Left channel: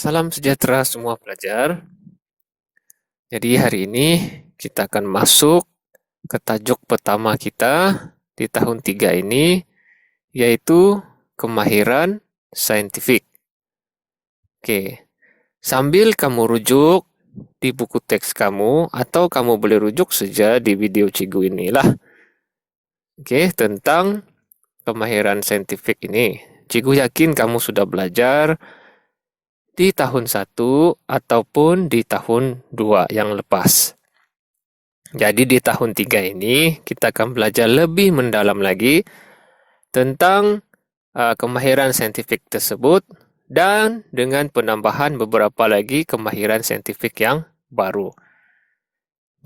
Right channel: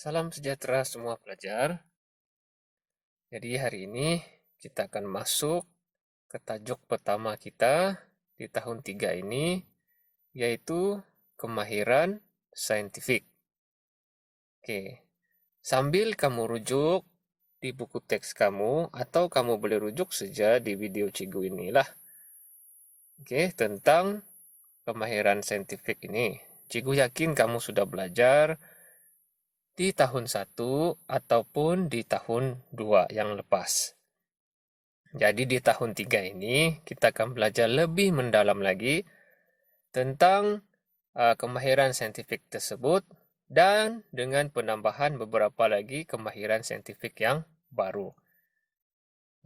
Salam sejahtera semua pelajar. Jadi hari ini kita akan masuk ke tajuk pertama kita di tahun 3 ini, yaitu kemahiran saintifik. Oke, sambil kamu rujuk di buku teks kamu, atau kamu boleh rujuk saja di video Cigu inilah. Oke, tentang kemahiran saintifik ini. Cigu yakin kamu sudah belajar di tahun 1 ataupun di tahun 2 yang lepas. Jadi di tahun 3 ini kita akan belajar lebih mendalam lagi tentang kemahiran saintifik tersebut dan dengan penambahan beberapa lagi kemahiran saintifik yang baru.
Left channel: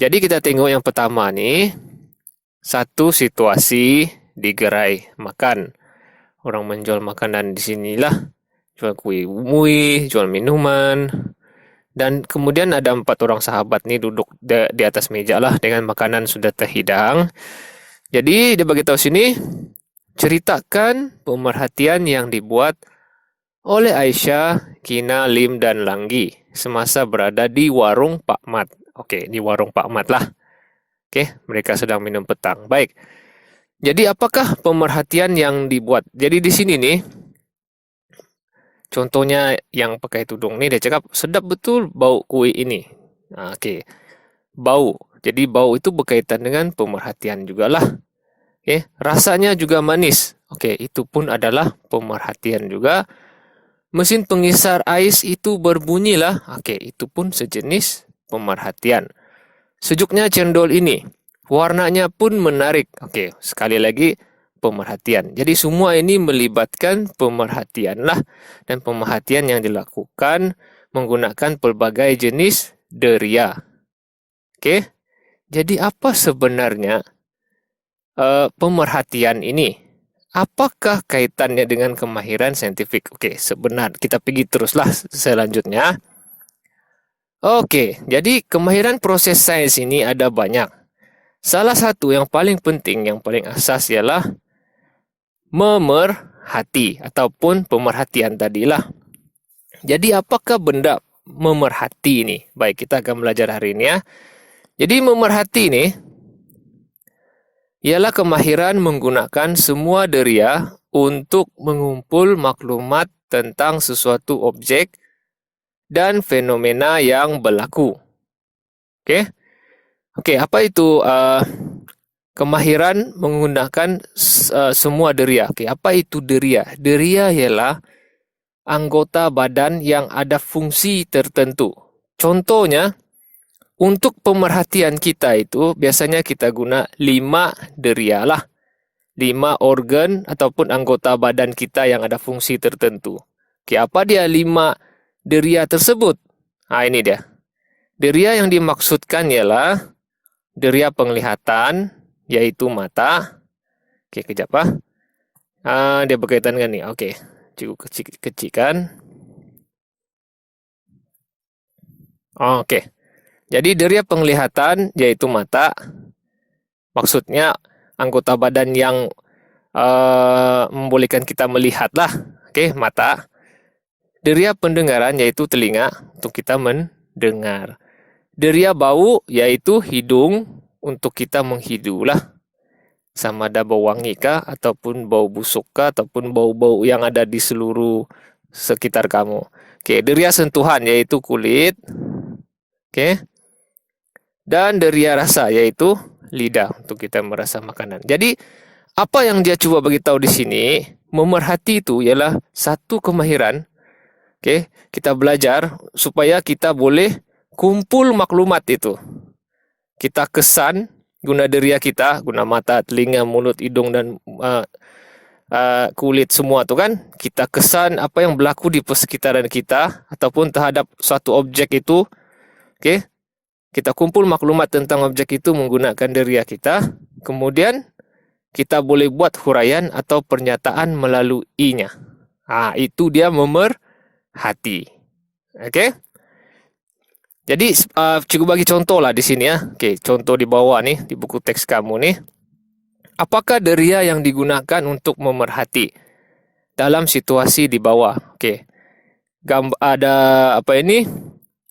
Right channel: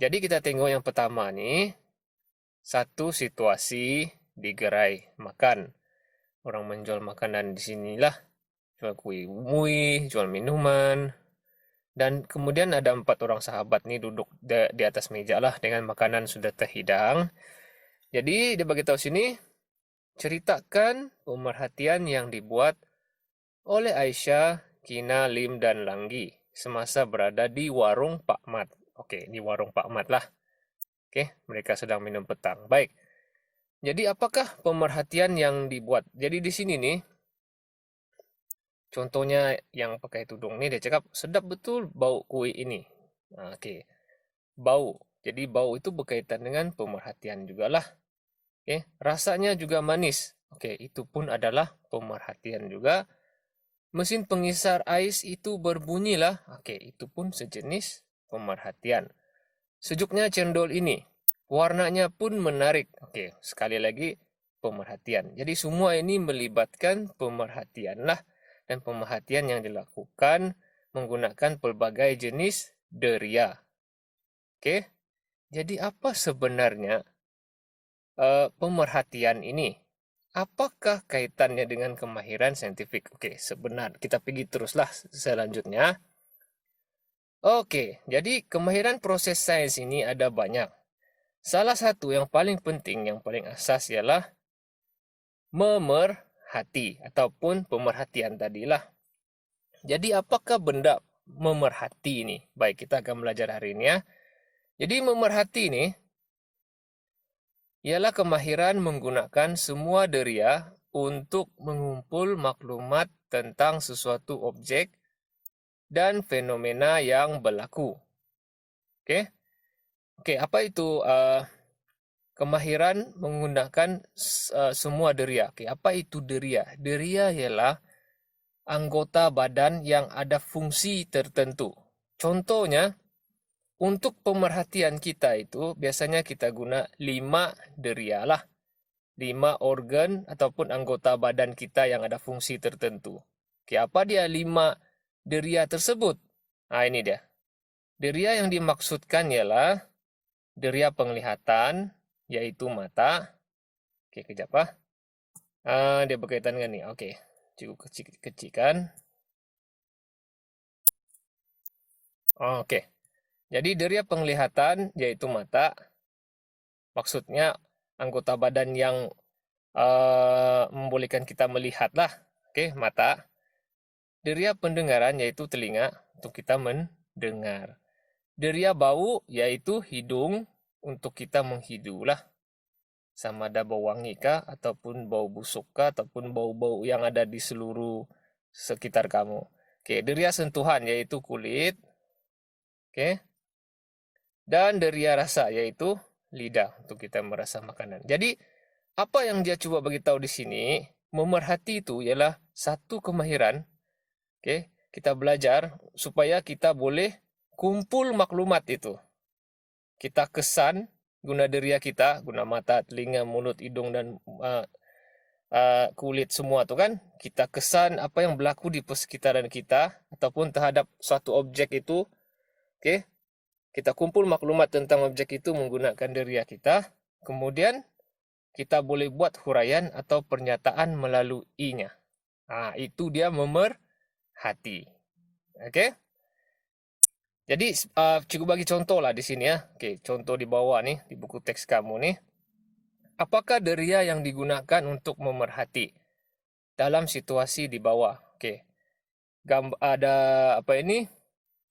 Jadi kita tengok yang pertama nih, satu situasi di gerai makan. Orang menjual makanan di sinilah, jual kue umui, jual minuman. Dan kemudian ada 4 orang sahabat nih duduk di atas meja lah dengan makanan sudah terhidang. Jadi dia bagi tahu sini, ceritakan pemerhatian yang dibuat oleh Aisyah, Kina, Lim, dan Langgi semasa berada di warung Pak Mat. Oke, di warung Pak Mat lah. Oke, mereka sedang minum petang. Baik. Jadi apakah pemerhatian yang dibuat? Jadi di sini nih, contohnya yang pakai tudung nih, dia cakap, sedap betul bau kue ini. Oke, bau. Jadi bau itu berkaitan dengan pemerhatian juga lah. Oke, rasanya juga manis. Oke, itu pun adalah pemerhatian juga. Mesin pengisar ais itu berbunyilah. Oke, itu pun sejenis pemerhatian. Sejuknya cendol ini. Warnanya pun menarik. Oke, sekali lagi pemerhatian. Jadi semua ini melibatkan pemerhatian lah. Dan pemerhatian yang dilakukan menggunakan pelbagai jenis deria. Oke, jadi apa sebenarnya pemerhatian ini? Apakah kaitannya dengan kemahiran saintifik? Oke, sebenar. Kita pergi teruslah selanjutnya. Oke, jadi kemahiran proses sains ini ada banyak. Salah satu yang paling penting, yang paling asas ialah memerhati ataupun pemerhatian tadilah. Jadi apakah benda memerhati ini? Baik, kita akan belajar hari ini ya. Jadi memerhati ini ialah kemahiran menggunakan semua deria untuk mengumpul maklumat tentang sesuatu objek dan fenomena yang berlaku. Oke? Oke, apa itu kemahiran menggunakan semua deria? Oke, apa itu deria? Deria ialah anggota badan yang ada fungsi tertentu. Contohnya, untuk pemerhatian kita itu biasanya kita guna 5 deria lah. 5 organ ataupun anggota badan kita yang ada fungsi tertentu. Oke, apa dia 5 deria tersebut? Ini dia. Deria yang dimaksudkan ialah deria penglihatan, yaitu mata. Oke, kejap dia berkaitan dengan ini. Oke, cikgu kecilkan. Oke. Jadi deria penglihatan yaitu mata. Maksudnya anggota badan yang membolehkan kita melihat lah. Oke, mata. Deria pendengaran yaitu telinga untuk kita mendengar. Deria bau yaitu hidung untuk kita menghidu lah. Sama ada bau wangi kah, ataupun bau busuk kah, ataupun bau-bau yang ada di seluruh sekitar kamu. Oke, deria sentuhan yaitu kulit. Oke. Dan deria rasa yaitu lidah untuk kita merasa makanan. Jadi apa yang dia coba beritahu di sini, memerhati itu ialah satu kemahiran. Oke, kita belajar supaya kita boleh kumpul maklumat itu. Kita kesan guna deria kita, guna mata, telinga, mulut, hidung, dan kulit semua tu kan. Kita kesan apa yang berlaku di persekitaran kita ataupun terhadap suatu objek itu. Oke, kita kumpul maklumat tentang objek itu menggunakan deria kita. Kemudian kita boleh buat huraian atau pernyataan melaluinya. Itu dia memerhati. Oke. Jadi cikgu bagi contoh lah di sini ya. Oke, contoh di bawah nih di buku teks kamu nih. Apakah deria yang digunakan untuk memerhati dalam situasi di bawah? Oke. ada apa ini?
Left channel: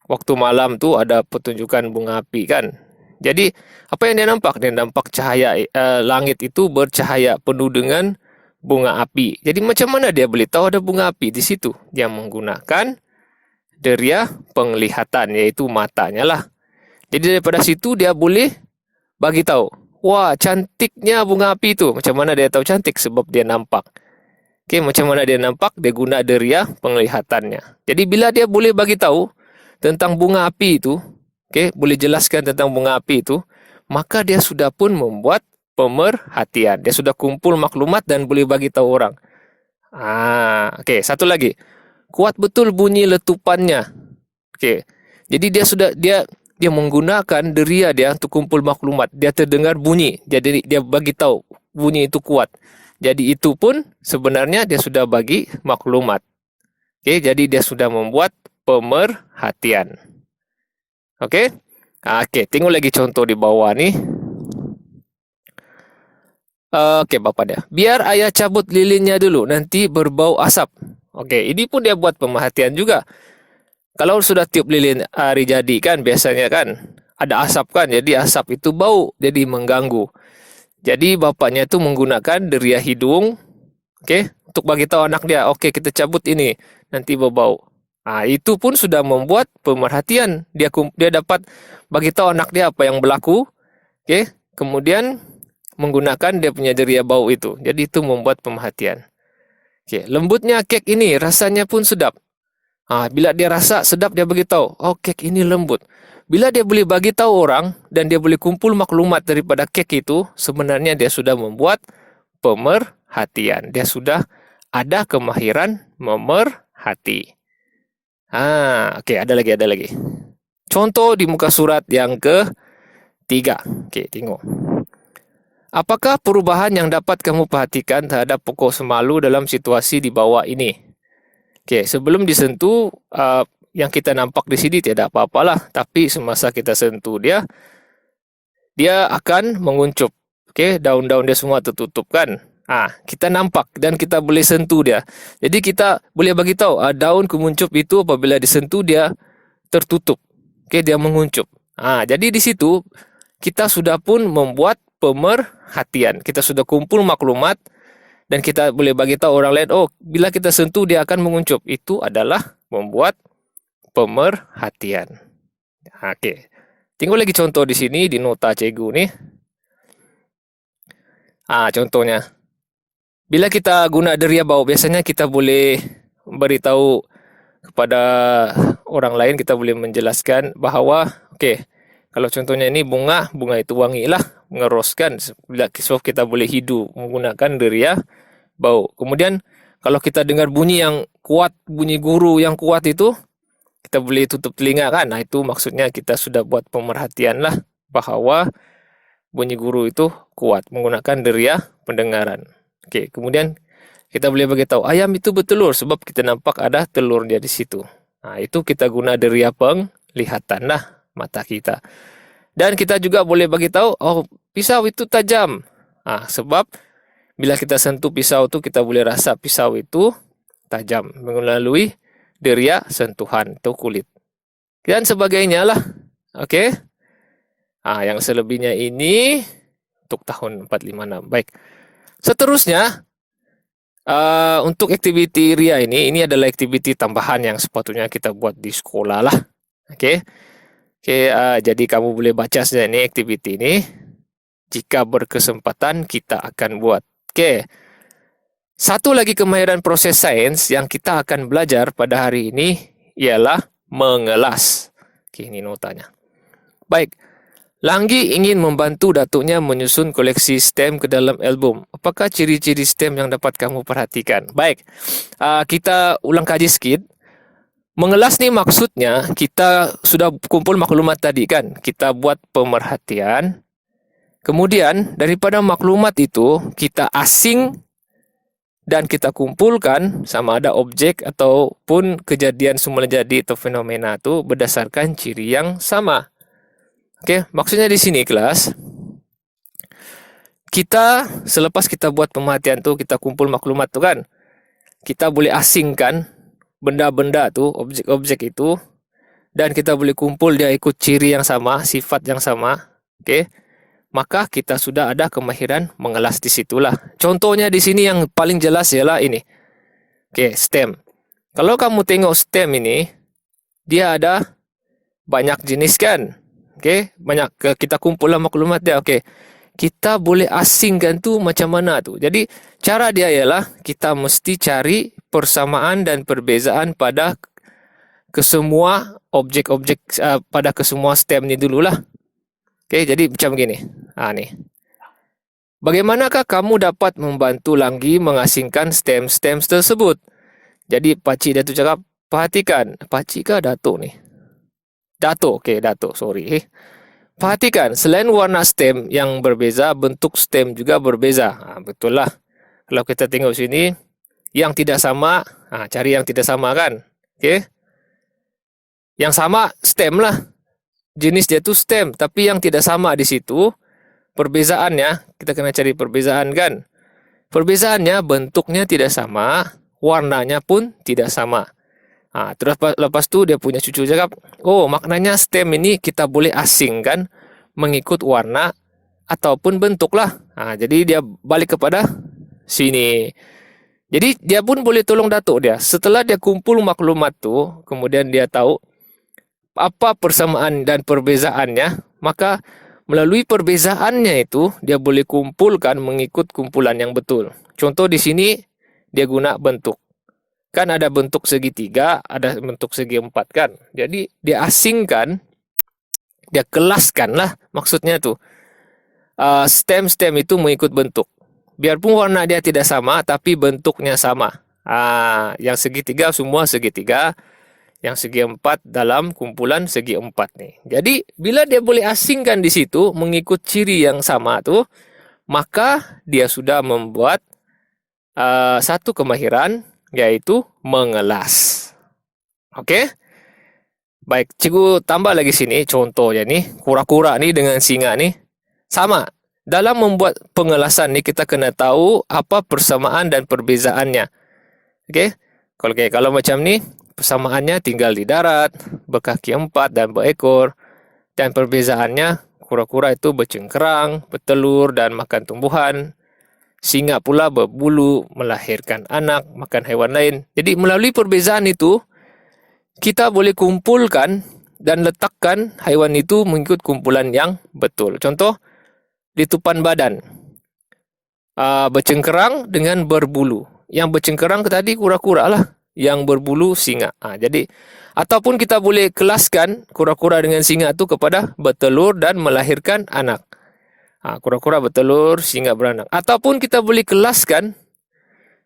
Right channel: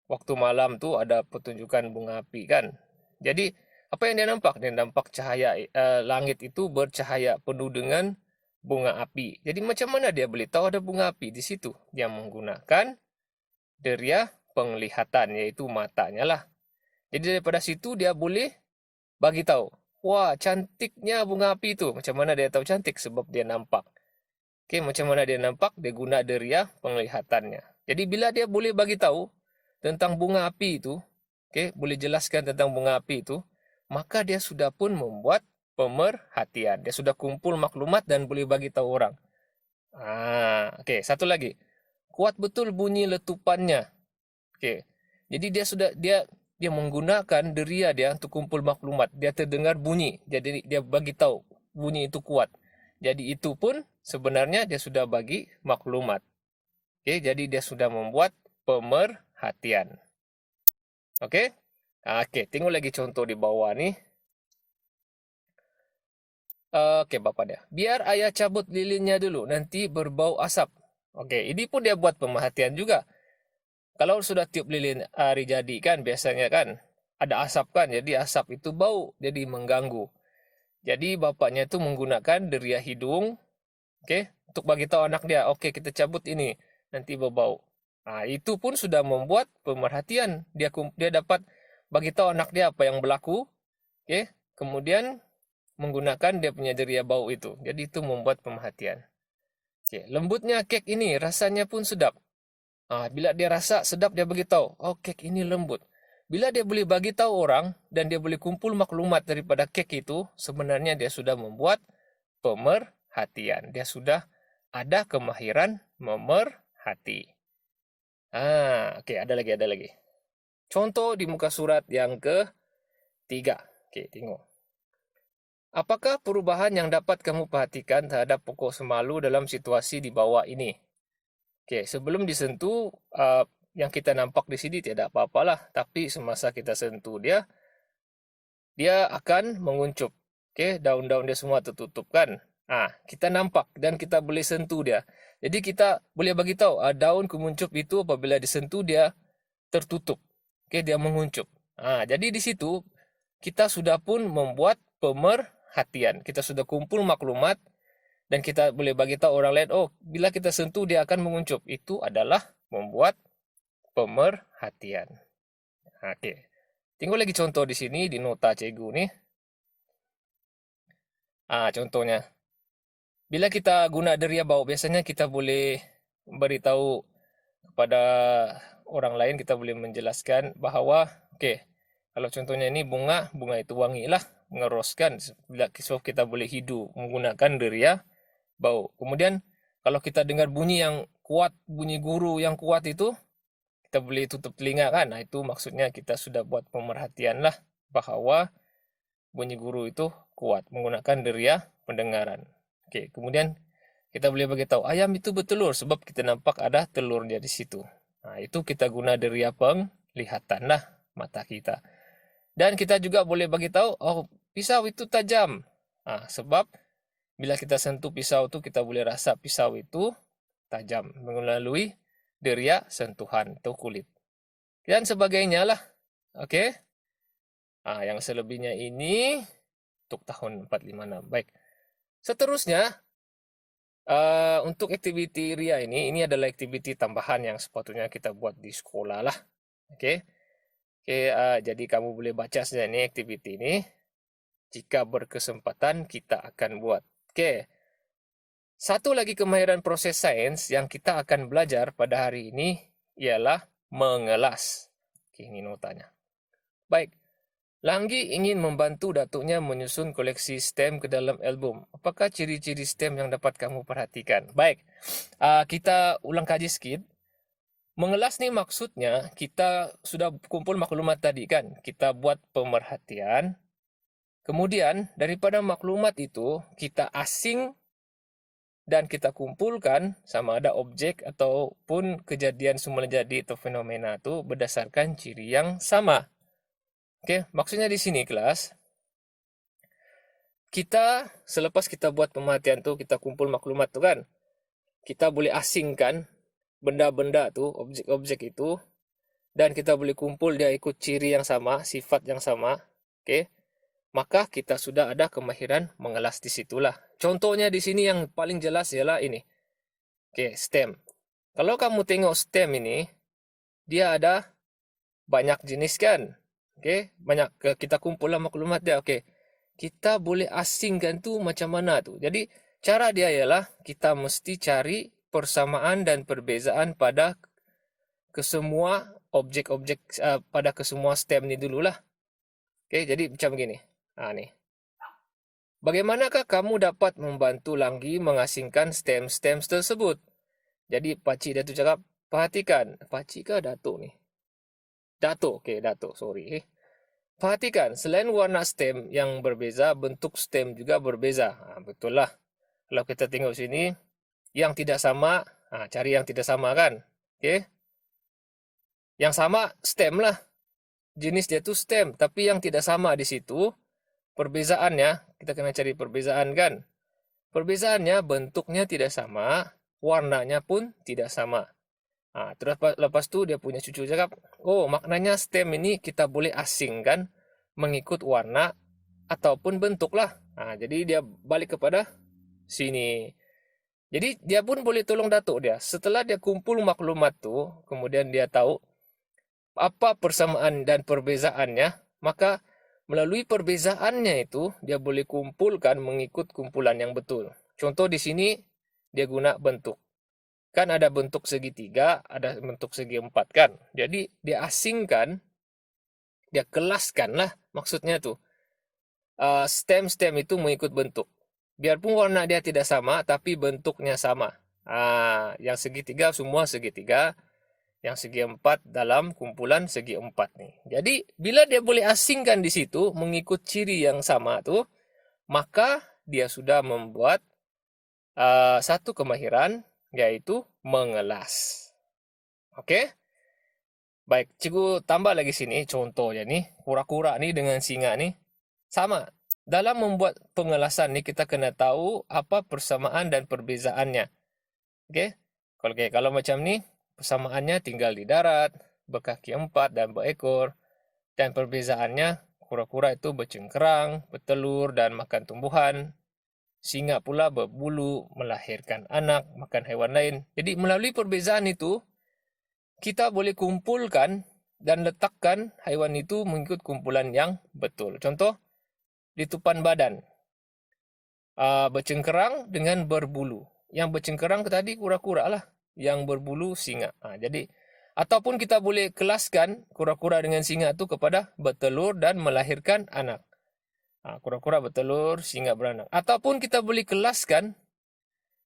Waktu malam tuh ada pertunjukan bunga api kan. Jadi apa yang dia nampak? Dia nampak cahaya langit itu bercahaya penuh dengan bunga api. Jadi macam mana dia boleh tahu ada bunga api di situ? Dia menggunakan deria penglihatan, yaitu matanya lah. Jadi daripada situ dia boleh bagi tahu, wah cantiknya bunga api itu. Macam mana dia tahu cantik? Sebab dia nampak. Oke, macam mana dia nampak? Dia guna deria penglihatannya. Jadi bila dia boleh bagi tahu tentang bunga api itu, oke, boleh jelaskan tentang bunga api itu, maka dia sudah pun membuat pemerhatian. Dia sudah kumpul maklumat dan boleh bagi tahu orang. Oke, satu lagi. Kuat betul bunyi letupannya. Oke. Jadi dia menggunakan deria dia untuk kumpul maklumat. Dia terdengar bunyi. Jadi dia bagi tahu bunyi itu kuat. Jadi itu pun sebenarnya dia sudah bagi maklumat. Oke, jadi dia sudah membuat pemerhatian. Oke? Oke, tengok lagi contoh di bawah nih. Oke, Bapak dia. Biar ayah cabut lilinnya dulu, nanti berbau asap. Oke, ini pun dia buat pemerhatian juga. Kalau sudah tiup lilin hari jadi kan biasanya kan ada asap kan, jadi asap itu bau, jadi mengganggu. Jadi bapaknya itu menggunakan deria hidung, oke, untuk bagi tahu anak dia, oke kita cabut ini, nanti berbau. Itu pun sudah membuat pemerhatian. Dia dapat bagi tahu anak dia apa yang berlaku, oke. Kemudian menggunakan dia punya deria bau itu. Jadi itu membuat pemerhatian. Oke, lembutnya kek ini, rasanya pun sedap. Bila dia rasa sedap, dia beritahu, oh kek ini lembut. Bila dia boleh bagi tahu orang dan dia boleh kumpul maklumat daripada kek itu, sebenarnya dia sudah membuat pemerhatian. Dia sudah ada kemahiran memerhati. Oke, ada lagi. Contoh di muka surat yang ketiga. Oke, tengok. Apakah perubahan yang dapat kamu perhatikan terhadap pokok semalu dalam situasi di bawah ini? Oke, sebelum disentuh, yang kita nampak di sini tidak apa-apalah, tapi semasa kita sentuh dia akan menguncup. Oke, daun-daun dia semua tertutup kan? Kita nampak dan kita boleh sentuh dia. Jadi kita boleh bagi tahu daun kemuncup itu apabila disentuh dia tertutup. Oke, dia menguncup. Jadi di situ kita sudah pun membuat pemerhatian. Kita sudah kumpul maklumat dan kita boleh bagi tahu orang lain, oh bila kita sentuh dia akan menguncup. Itu adalah membuat pemerhatian. Oke. Tengok lagi contoh di sini di nota cikgu nih. Contohnya. Bila kita guna deria bau, biasanya kita boleh beritahu kepada orang lain, kita boleh menjelaskan bahawa, kalau contohnya ini bunga itu wangi lah, mengeroskan. So kita boleh hidu menggunakan deria bau. Kemudian kalau kita dengar bunyi yang kuat, bunyi guru yang kuat itu, kita boleh tutup telinga kan. Itu maksudnya kita sudah buat pemerhatian lah bahawa bunyi guru itu kuat menggunakan deria pendengaran. Kemudian kita boleh beritahu ayam itu bertelur sebab kita nampak ada telurnya di situ. Itu kita guna deria penglihatan lah mata kita. Dan kita juga boleh beritahu, oh pisau itu tajam. Sebab bila kita sentuh pisau itu kita boleh rasa pisau itu tajam melalui deria sentuhan atau kulit. Dan sebagainya lah. Yang selebihnya ini untuk tahun 456. Baik. Seterusnya, untuk aktiviti RIA ini adalah aktiviti tambahan yang sepatutnya kita buat di sekolah lah. Jadi kamu boleh baca saja ini aktiviti ini. Jika berkesempatan kita akan buat. Satu lagi kemahiran proses sains yang kita akan belajar pada hari ini ialah mengelas. Ini notanya. Baik. Langgi ingin membantu datuknya menyusun koleksi stem ke dalam album. Apakah ciri-ciri stem yang dapat kamu perhatikan? Baik, kita ulang kaji sikit. Mengelas ni maksudnya kita sudah kumpul maklumat tadi kan. Kita buat pemerhatian. Kemudian daripada maklumat itu kita asing dan kita kumpulkan sama ada objek ataupun kejadian semula jadi atau fenomena itu berdasarkan ciri yang sama. Maksudnya di sini kelas, kita selepas kita buat pemerhatian tu, kita kumpul maklumat tu kan, kita boleh asingkan benda-benda tuh, objek-objek itu, dan kita boleh kumpul dia ikut ciri yang sama, sifat yang sama, oke, maka kita sudah ada kemahiran mengelas di situlah. Contohnya di sini yang paling jelas ialah ini. Oke, stem. Kalau kamu tengok stem ini, dia ada banyak jenis kan? Oke, banyak kita kumpullah maklumat dia. Oke. Kita boleh asingkan tuh macam mana tuh. Jadi cara dia ialah kita mesti cari persamaan dan perbezaan pada kesemua objek-objek pada kesemua stem ni dululah. Oke, jadi macam gini. Nih. Bagaimanakah kamu dapat membantu lagi mengasingkan stem-stem tersebut? Jadi pakcik dia tu cakap, perhatikan. Pakcik kah Datuk ni? Datuk, okey, Datuk, sorry. Perhatikan, selain warna stem yang berbeza, bentuk stem juga berbeza. Betul lah. Kalau kita tengok sini, yang tidak sama, cari yang tidak sama kan? Okey. Yang sama stem lah. Jenis dia tu stem, tapi yang tidak sama di situ, perbezaannya, kita kena cari perbezaan kan? Perbezaannya, bentuknya tidak sama, warnanya pun tidak sama. Terus lepas tu dia punya cucu cakap, oh maknanya stem ini kita boleh asingkan mengikut warna ataupun bentuk lah. Jadi dia balik kepada sini. Jadi dia pun boleh tolong Datuk dia. Setelah dia kumpul maklumat tu, kemudian dia tahu apa persamaan dan perbezaannya, maka melalui perbezaannya itu dia boleh kumpulkan mengikut kumpulan yang betul. Contoh di sini dia guna bentuk. Kan ada bentuk segitiga, ada bentuk segi empat kan. Jadi dia asingkan, dia kelaskan lah maksudnya tuh. Stem-stem itu mengikut bentuk. Biarpun warna dia tidak sama, tapi bentuknya sama. Yang segitiga semua segitiga, yang segi empat dalam kumpulan segi empat nih. Jadi bila dia boleh asingkan di situ mengikut ciri yang sama tuh, maka dia sudah membuat satu kemahiran, yaitu mengelas. Oke? Baik, cikgu tambah lagi sini contohnya nih, kura-kura nih dengan singa nih. Sama. Dalam membuat pengelasan nih kita kena tahu apa persamaan dan perbezaannya. Oke? Kalau macam nih, persamaannya tinggal di darat, berkaki 4 dan berekor. Dan perbezaannya, kura-kura itu bercengkerang, bertelur dan makan tumbuhan. Singa pula berbulu, melahirkan anak, makan hewan lain. Jadi melalui perbezaan itu, kita boleh kumpulkan dan letakkan haiwan itu mengikut kumpulan yang betul. Contoh, litupan badan. Bercengkerang dengan berbulu. Yang bercengkerang tadi kura-kura lah. Yang berbulu singa. Jadi, ataupun kita boleh kelaskan kura-kura dengan singa itu kepada bertelur dan melahirkan anak. Kura-kura bertelur, singa beranak. Ataupun kita boleh kelaskan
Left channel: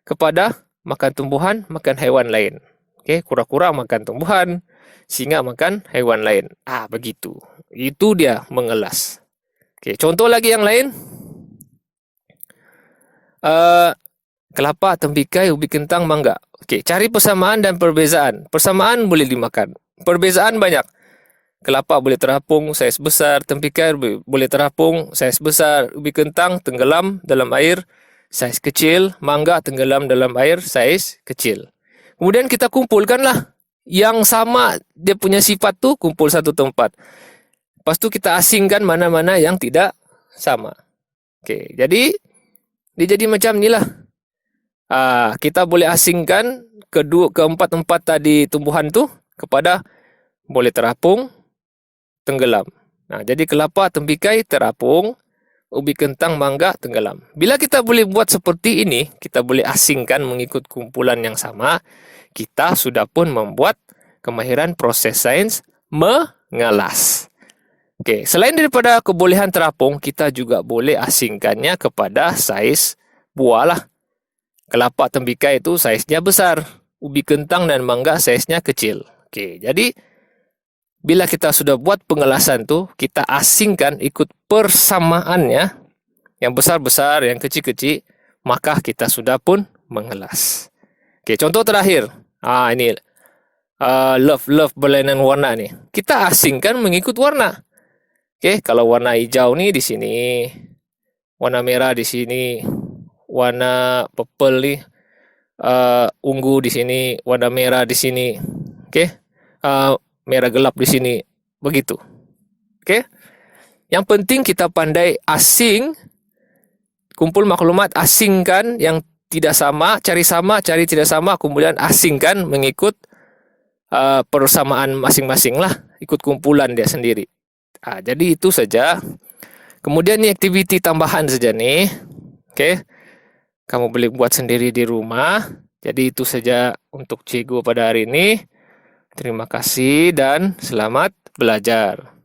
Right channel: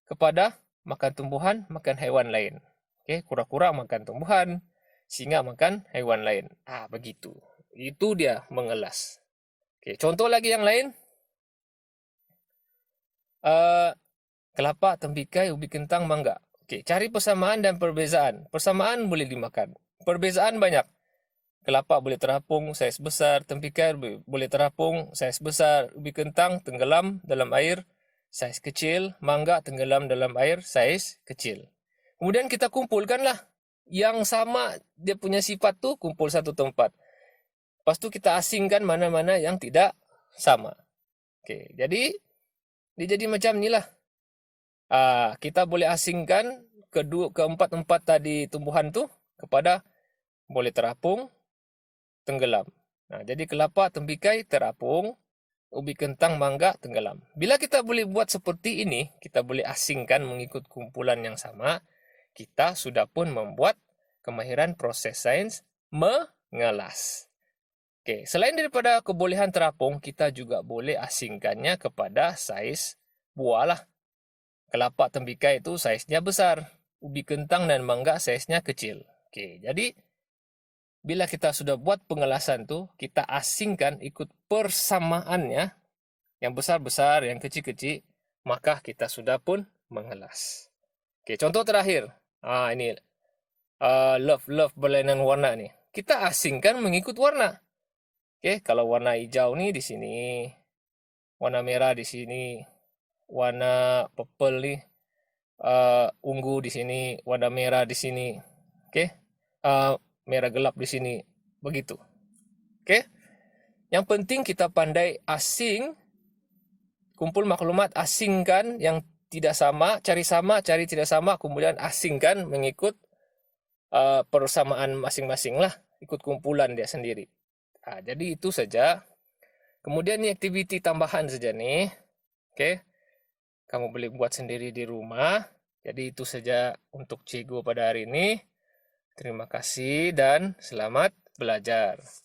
kepada makan tumbuhan, makan hewan lain. Okey, kura-kura makan tumbuhan, singa makan hewan lain. Begitu. Itu dia mengelas. Okey, contoh lagi yang lain. Kelapa, tembikai, ubi kentang, mangga. Okey, cari persamaan dan perbezaan. Persamaan boleh dimakan. Perbezaan banyak. Kelapa boleh terapung, saiz besar. Tembikai boleh terapung, saiz besar. Ubi kentang tenggelam dalam air, saiz kecil. Mangga tenggelam dalam air, saiz kecil. Kemudian kita kumpulkanlah. Yang sama dia punya sifat tu kumpul satu tempat. Lepas tu kita asingkan mana-mana yang tidak sama. Okey, jadi dia jadi macam inilah. Kita boleh asingkan keempat-empat tadi tumbuhan tu kepada boleh terapung, tenggelam. Jadi kelapa, tembikai terapung, ubi kentang, mangga tenggelam. Bila kita boleh buat seperti ini, kita boleh asingkan mengikut kumpulan yang sama, kita sudah pun membuat kemahiran proses sains mengelas. Okey, selain daripada kebolehan terapung, kita juga boleh asingkannya kepada saiz buah lah. Kelapa, tembikai itu saiznya besar, ubi kentang dan mangga saiznya kecil. Okey, jadi bila kita sudah buat pengelasan tu, kita asingkan ikut persamaannya, yang besar-besar, yang kecil-kecil, maka kita sudah pun mengelas. Okey, contoh terakhir. Ini love berlainan warna ni. Kita asingkan mengikut warna. Okey, kalau warna hijau ni di sini, warna merah di sini, warna purple ni, ungu di sini, warna merah di sini. Oke. Merah gelap di sini. Begitu. Oke. Yang penting kita pandai asing, kumpul maklumat, asingkan yang tidak sama, cari tidak sama, kemudian asingkan mengikut persamaan masing-masing lah, ikut kumpulan dia sendiri. Jadi itu saja. Kemudian ini aktiviti tambahan saja nih. Oke. Kamu boleh buat sendiri di rumah. Jadi itu saja untuk cikgu pada hari ini. Terima kasih dan selamat belajar.